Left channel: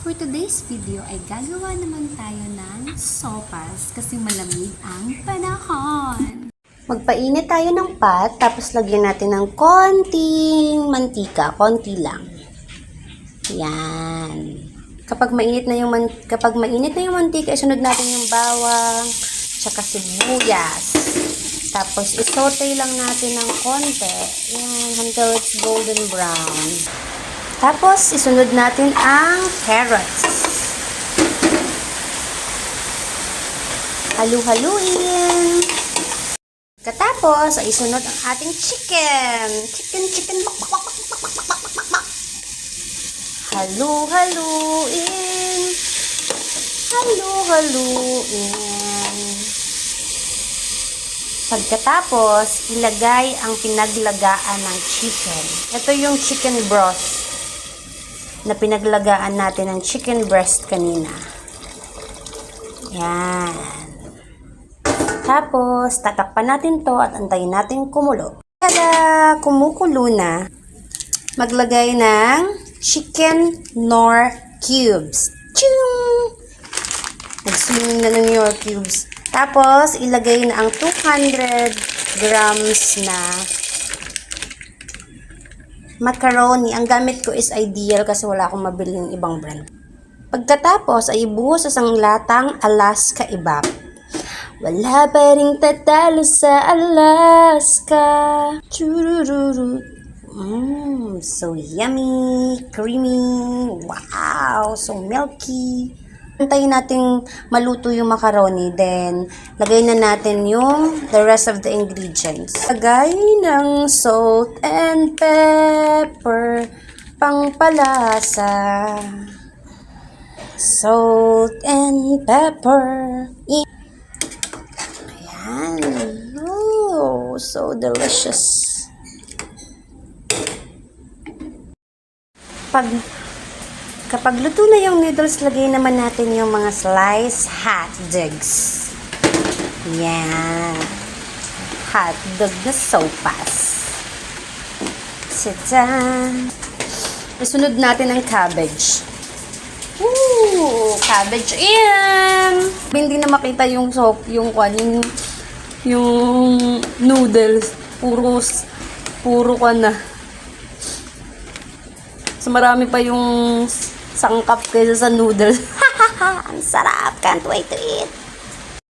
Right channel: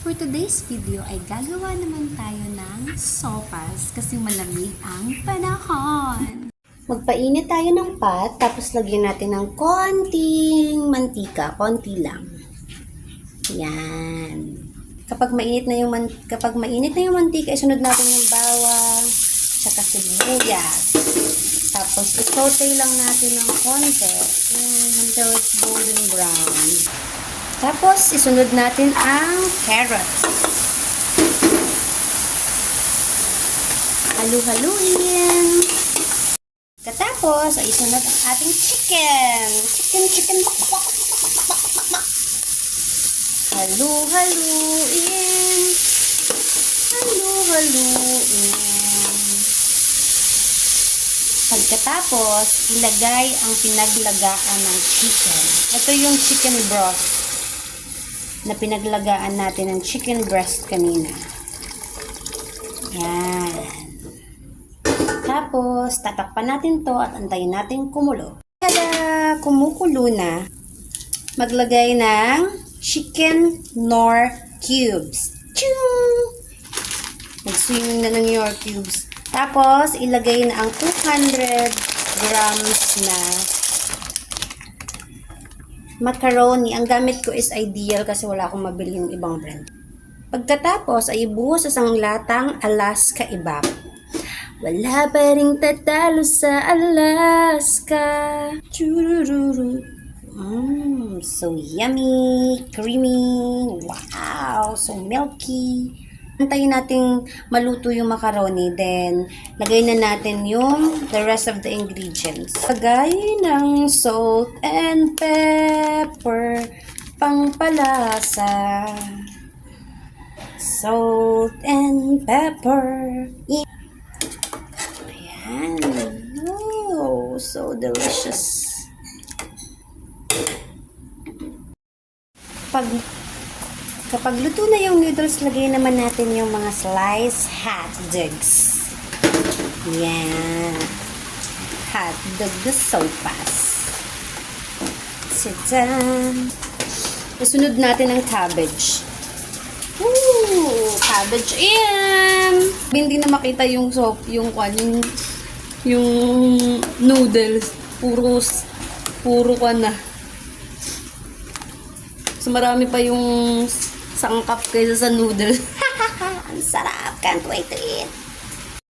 For today's video ay gagawa naman tayo ng sopas kasi malamig ang panahon. Magpainit tayo ng pot, tapos lagyan natin ng konting mantika, konti lang. Yan. Kapag mainit na yung mantika, isunod natin yung bawang, tsaka sibuyas. Tapos isote lang natin ng konti. Yan, until it's golden brown. Tapos, isunod natin ang carrots. Halu-haluin. Katapos, ay isunod ang ating chicken. Chicken. Halu-haluin. Halu-haluin. Pagkatapos, ilagay ang pinaglagaan ng chicken. Ito yung chicken broth na pinaglagaan natin ng chicken breast kanina. Yan. Tapos, tatakpan natin to at antayin natin kumulo. Kada kumukulo na, maglagay ng chicken Knorr cubes. Chum! Nag-swimming na ng Knorr cubes. Tapos, ilagay na ang 200 grams na macaroni. Ang gamit ko is Ideal kasi wala akong mabili yung ibang brand. Pagkatapos ay ibuhos sa isang latang Alaska Evap. Wala pa ring tatalo sa Alaska. Churururu. So yummy, creamy. Wow, so milky. Antayin natin maluto yung macaroni, then lagay na natin yung the rest of the ingredients. Lagay ng salt and pepper, pangpalasa. Salt and pepper. Ayan. Oh, so delicious. Kapag luto na yung noodles, lagay naman natin yung mga sliced hot dogs. Yan. Hot dog na sopas. Tadaan. Isunod natin ang cabbage. Woo! Cabbage in! Hindi na makita yung yung noodles. Puro ka na. So, marami pa yung sangkap kaysa sa noodles. Ang sarap. Can't wait to eat.